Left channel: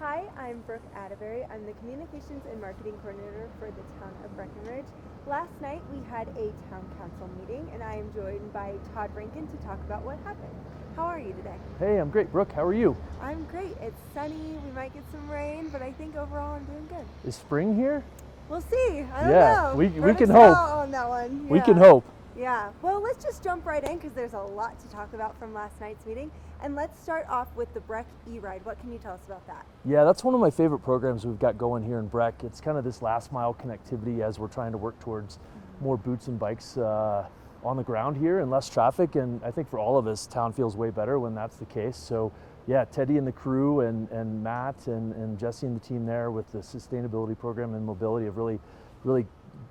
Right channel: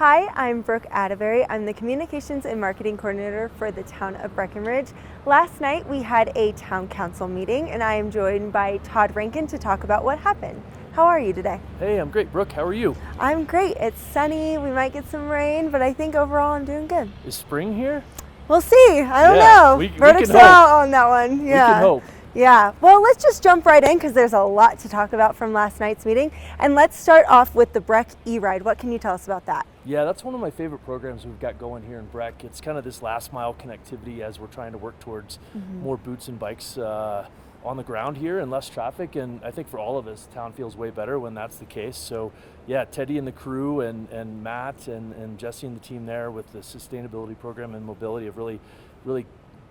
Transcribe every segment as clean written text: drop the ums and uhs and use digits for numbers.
Hi, I'm Brooke Atterbury. I'm the Communications and Marketing Coordinator for the town of Breckenridge. Last night we had a town council meeting and I am joined by Todd Rankin to talk about what happened. How are you today? Hey, I'm great. Brooke, how are you? I'm great. It's sunny. We might get some rain, but I think overall I'm doing good. Is spring here? We'll see. I don't know. We can Verdict's hope. out on that one. Yeah. We can hope. Yeah, well, let's just jump right in because there's a lot to talk about from last night's meeting. And let's start off with the Breck E-Ride. What can you tell us about that? Yeah, that's one of my favorite programs we've got going here in Breck. It's kind of this last mile connectivity as we're trying to work towards more boots and bikes on the ground here and less traffic. And I think for all of us, town feels way better when that's the case. So yeah, Teddy and the crew and Matt and Jesse and the team there with the sustainability program and mobility have really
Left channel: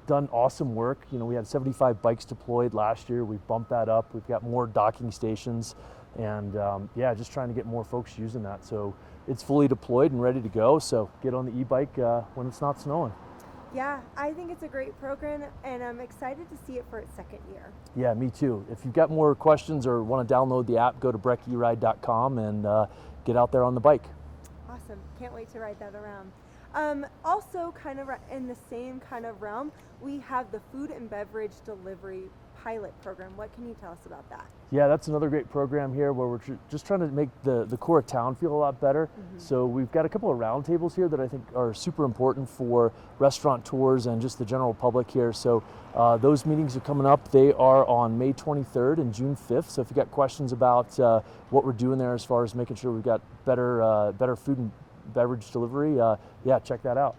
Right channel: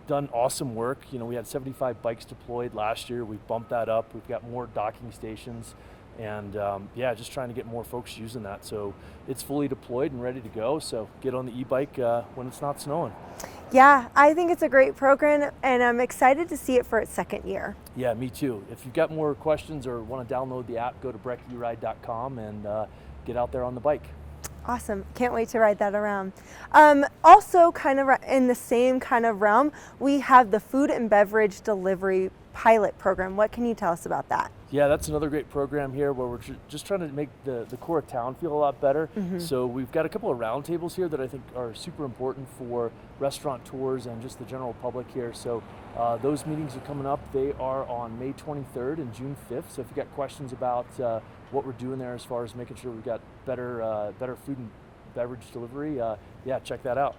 done awesome work. You know, we had 75 bikes deployed last year. We've bumped that up. We've got more docking stations, and yeah, just trying to get more folks using that. So it's fully deployed and ready to go. So get on the e-bike when it's not snowing. Yeah, I think it's a great program, and I'm excited to see it for its second year. Yeah, me too. If you've got more questions or want to download the app, go to breckeride.com and get out there on the bike. Awesome. Can't wait to ride that around. Also, kind of in the same kind of realm, we have the food and beverage delivery pilot program. What can you tell us about that? Yeah, that's another great program here where we're just trying to make the core of town feel a lot better. So we've got a couple of roundtables here that I think are super important for restaurateurs and just the general public here. So those meetings are coming up. They are on May 23rd and June 5th. So if you've got questions about what we're doing there as far as making sure we've got better food and beverage delivery, yeah, check that out.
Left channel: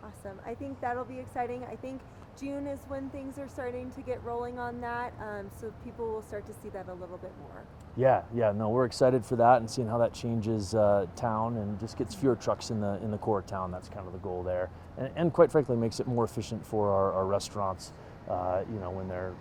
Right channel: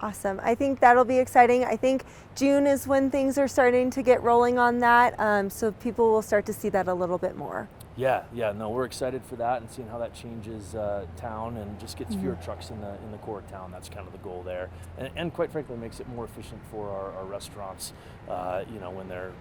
Awesome. I think that'll be exciting. I think June is when things are starting to get rolling on that, so people will start to see that a little bit more. Yeah, no, we're excited for that and seeing how that changes town and just gets fewer trucks in the core of town. That's kind of the goal there, and quite frankly, makes it more efficient for our restaurants, you know, when they're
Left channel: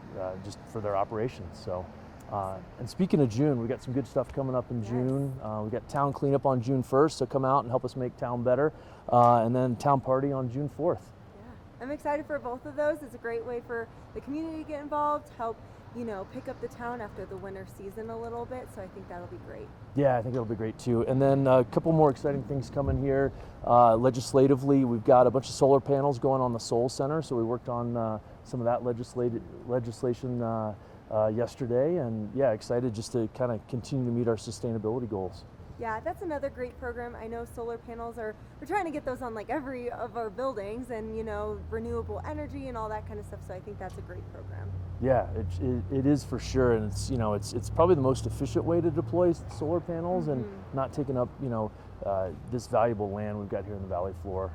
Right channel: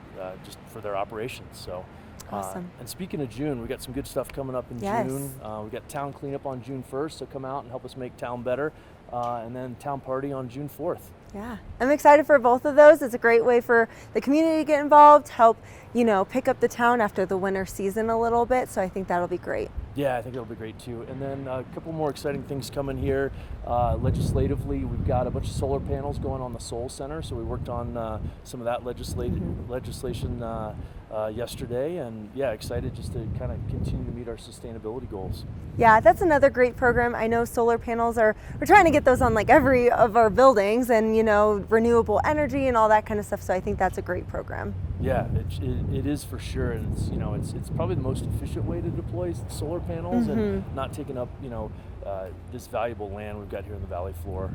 just for their operations. So. Awesome. And speaking of June, we got some good stuff coming up in June. We got town cleanup on June 1st, so come out and help us make town better. And then town party on June 4th. Yeah, I'm excited for both of those. It's a great way for the community to get involved, help, you know, pick up the town after the winter season a little bit. So I think that'll be great. Yeah, I think that'll be great too. And then a couple more exciting things coming here. Legislatively, we've got a bunch of solar panels going on the Soul Center. So we worked on some of that legislation yesterday, and yeah, excited just to kind of continue to meet our sustainability goals. Yeah, that's another great program. I know solar panels we're trying to get those on like every of our buildings, and you know, renewable energy and all that kind of stuff. So I think that's a great program. Yeah, it is for sure, and it's, you know, it's probably the most efficient way to deploy solar panels and not taking up, you know, this valuable land we've got here in the valley floor.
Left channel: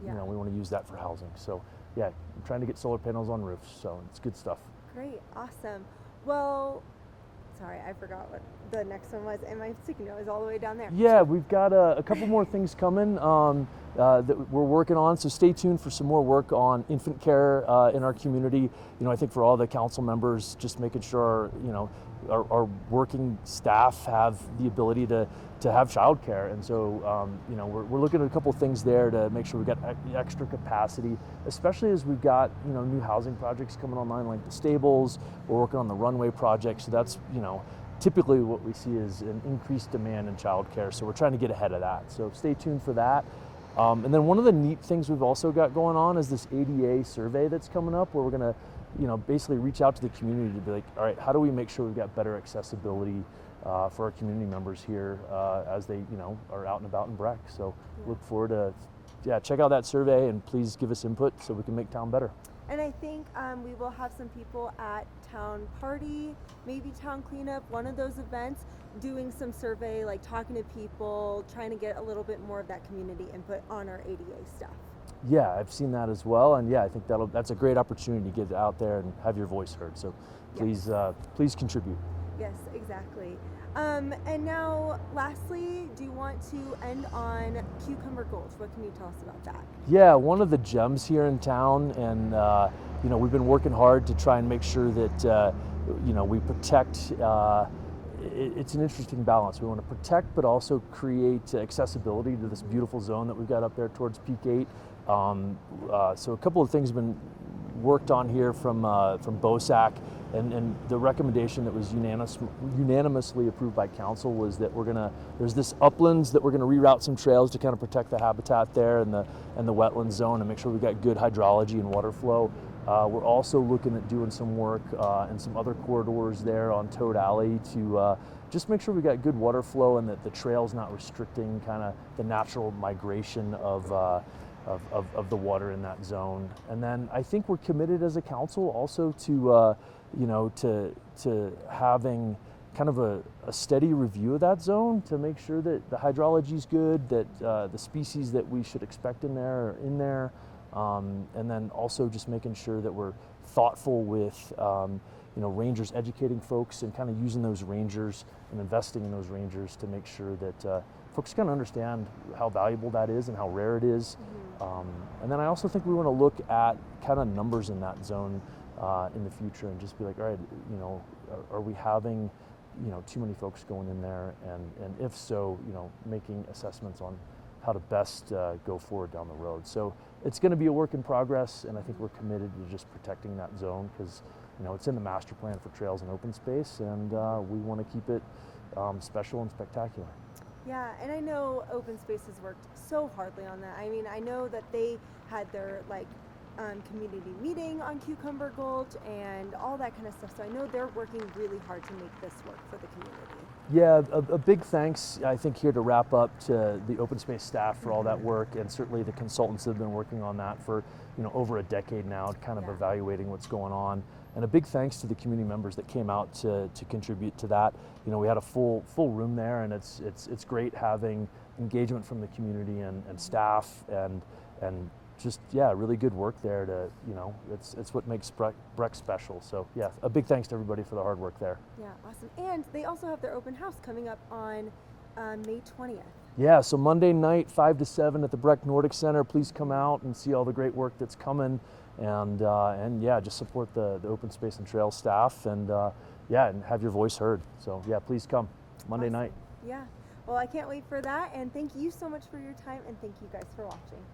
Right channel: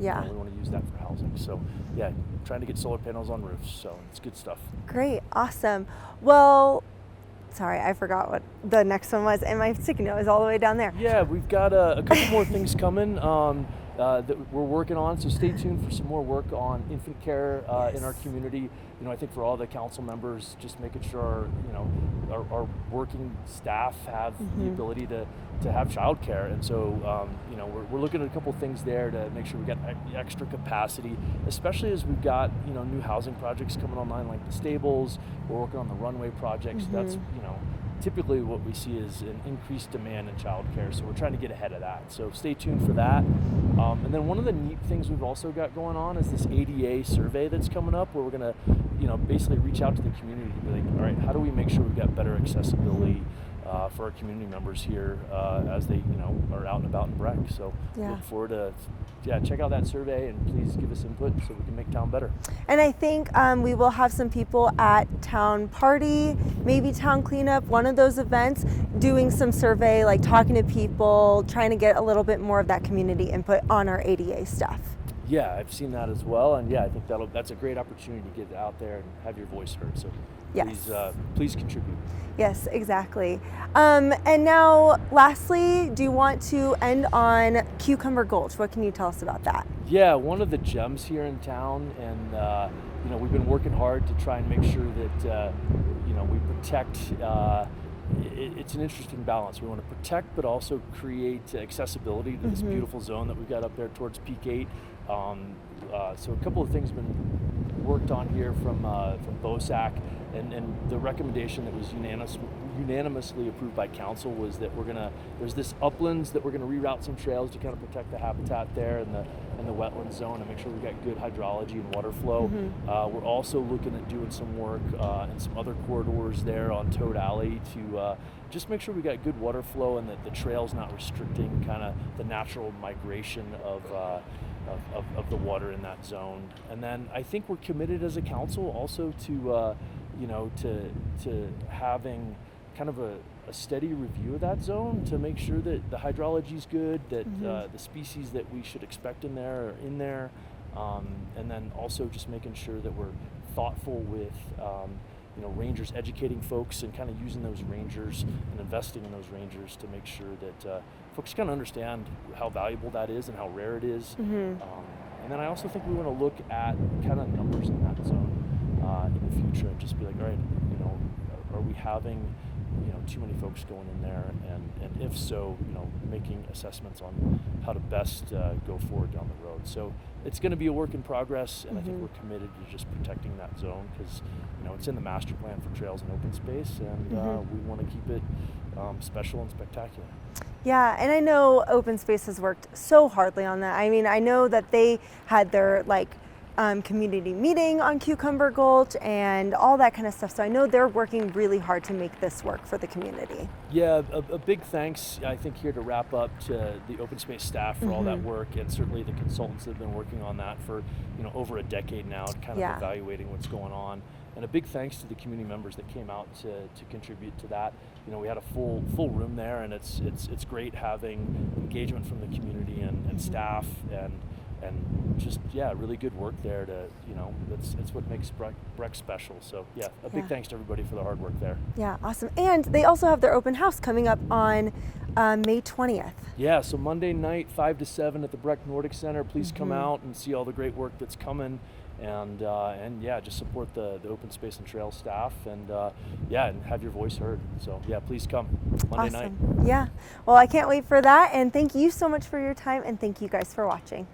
Yeah, you know, we want to use that for housing. So yeah, trying to get solar panels on roofs. So it's good stuff. Great, awesome. Well, sorry, I forgot what the next one was, and my sticky note is all the way down there. Yeah, we've got a couple more things coming that we're working on. So stay tuned for some more work on infant care in our community. You know, I think for all the council members, just making sure, you know, our working staff have the ability to have childcare, and so you know, we're looking at a couple of things there to make sure we got extra capacity, especially as we've got, you know, new housing projects coming online like the stables. We're working on the runway project, so that's, you know, typically what we see is an increased demand in childcare, so we're trying to get ahead of that. So stay tuned for that. And then one of the neat things we've also got going on is this ADA survey that's coming up, where we're going to, you know, basically reach out to the community to be like, all right, how do we make sure we've got better accessibility for our community members here as they, you know, are out and about in Breck. So look forward to, check out that survey and please give us input so we can make town better. And I think we will have some people at town party, maybe town cleanup, one of those events, doing some survey, like talking to people, trying to get a little bit more of that community input on our ADA stuff. Yeah, I've seen that as well, and yeah, I think that's a great opportunity to get out there and have your voice heard. So please contribute. Yes, exactly. And now, lastly, do you want to end on Cucumber Gulch? What can you tell us about that? Yeah, one of the gems here in town, and you know, we've been working hard to try and make sure that you know, we protect. It's an interesting balance. We want to protect, but also create accessibility to this beautiful zone that we've got up there towards Peak 8. So a couple of things we've been worked on here from BOSAC, and the recommendation that was unanimously approved by council was that there's this uplands that we're gonna reroute some trails to kind of protect the habitat there and the wetland zone and make sure we've got good hydrology and water flow. We're also looking at doing some work in some other corridors there on Toad Alley to just make sure we got good water flow and that the trail's not restricting kind of the natural migration of the water in that zone. And then I think we're committed as a council also to to having kind of a steady review of that zone to make sure that the hydrology is good, that the species that we should expect in there are in there, and then also just making sure that we're thoughtful with rangers educating folks and kind of using those rangers and investing in those rangers to make sure that folks kind of understand how valuable that is and how rare it is. And then I also think we want to look at kind of numbers in that zone in the future and just be like, all right, are we having too many folks going in there, and if so, making assessments on how to best go forward down the road. So it's going to be a work in progress, and I think we're committed to just protecting that zone because it's in the master plan for trails and open space, and we want to keep it special and spectacular. Yeah, and I know Open Space has worked so hardly on that. I mean, I know that they had their community meeting on Cucumber Gulch and all that kind of stuff. So I know they're working really hard to make this work for the community. Yeah, a big thanks, I think, here to wrap up to the Open Space staff for all that work, and certainly the consultants that have been working on that for over a decade now, kind of evaluating what's going on. And a big thanks to the community members that came out to contribute to that. We had a full room there, and it's great having engagement from the community and staff and just really good work there to it's what makes Breck special. So a big thanks to everybody for the hard work there. Yeah, awesome. And they also have their open house coming up on May 20th. Yeah, so Monday night 5 to 7 at the Breck Nordic Center. Please come out and see all the great work that's coming, and just support the Open Space and Trail staff, and and have your voice heard. So please come Monday night. Yeah, well, I can't wait for that, and thank you so much for your time, and thank you guys for watching.